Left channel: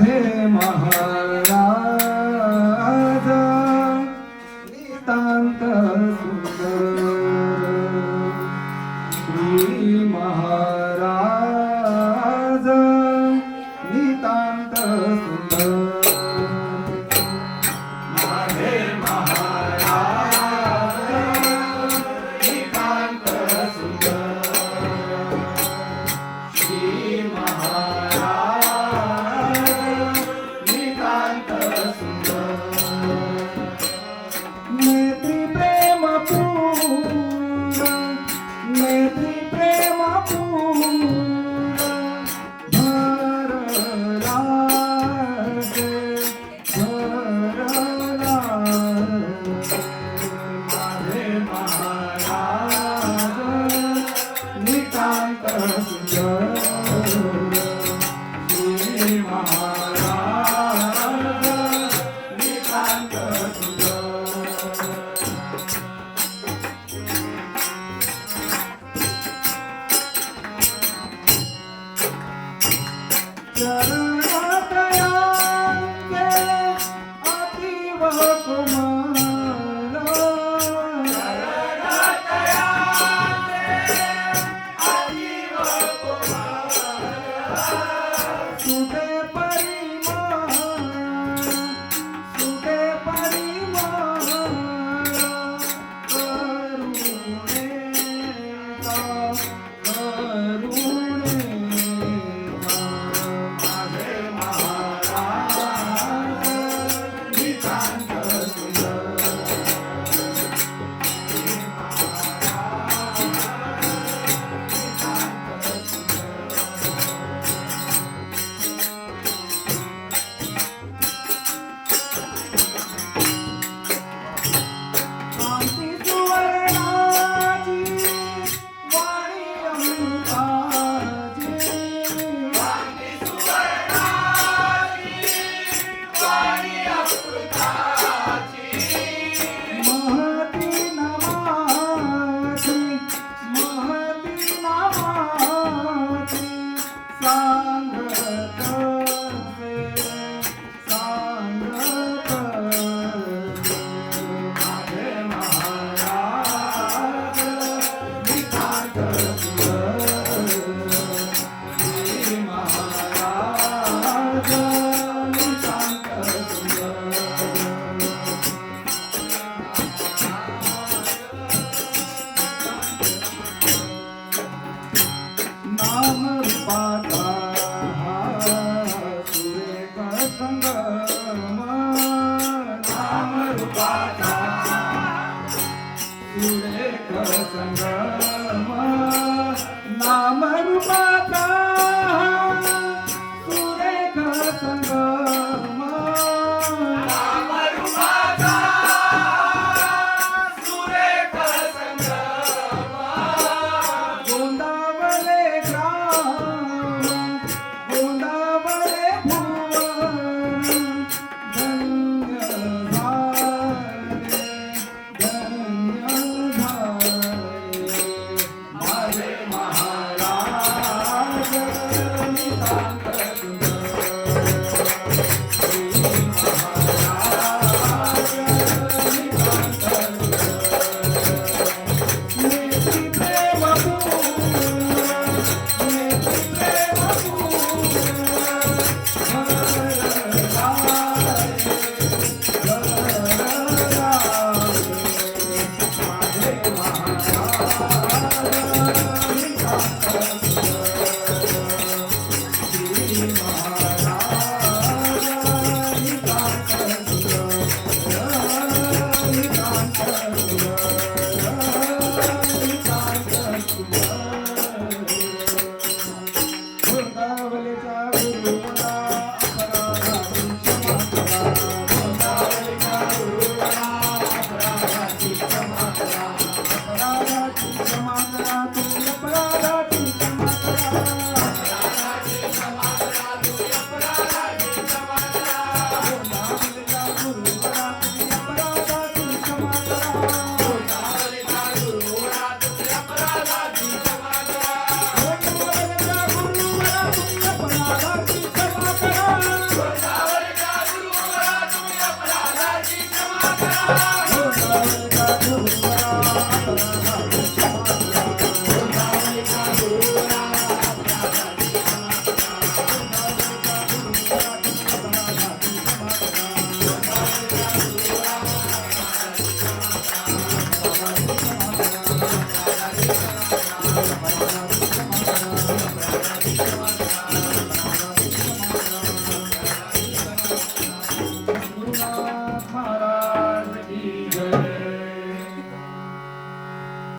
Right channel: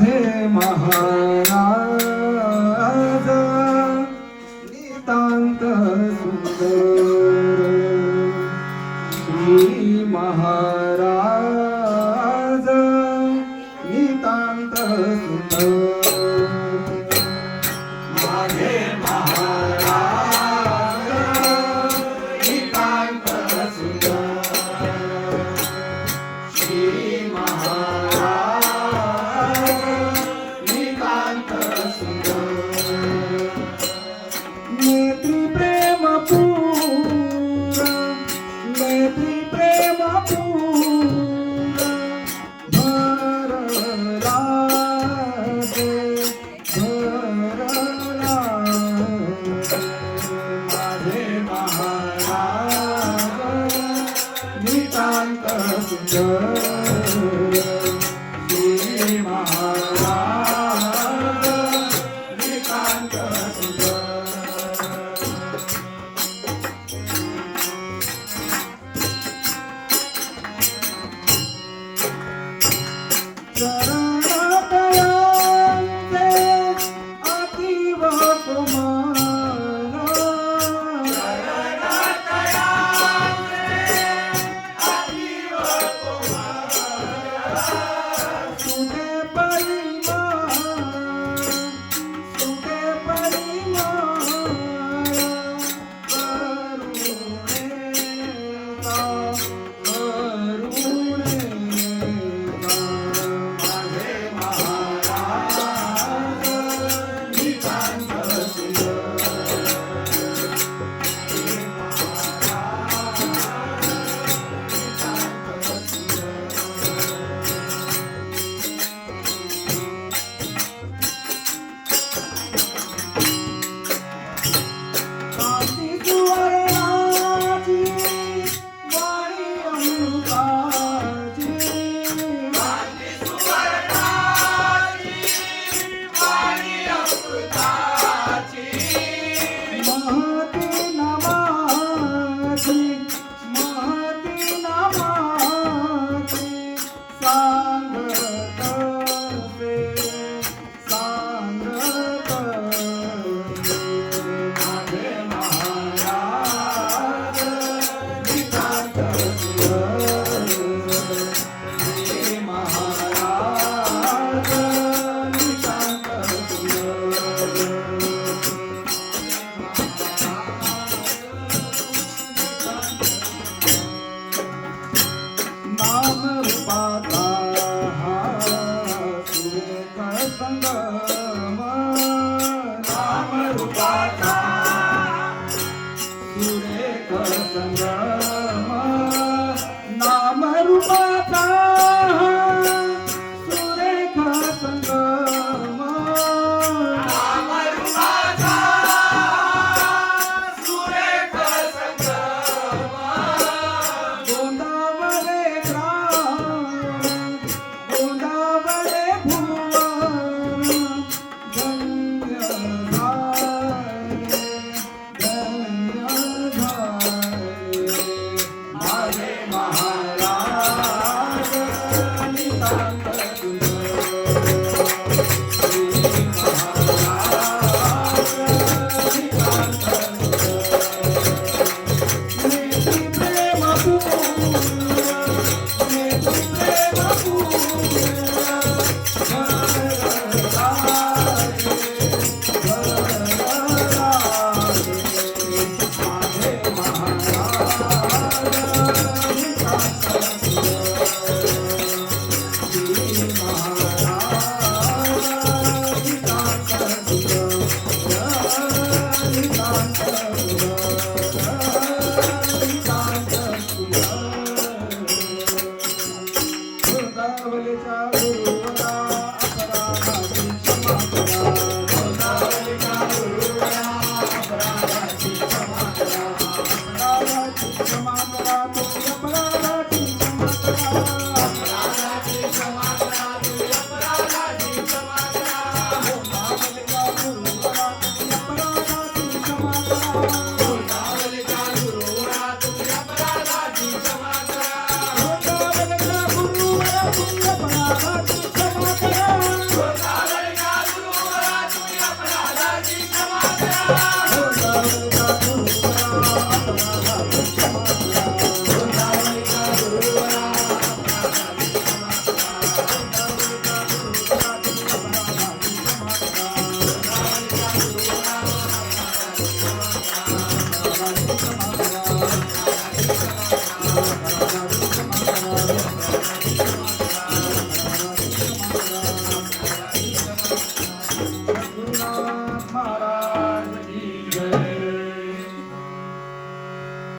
মাঝে মহা da da some drugs.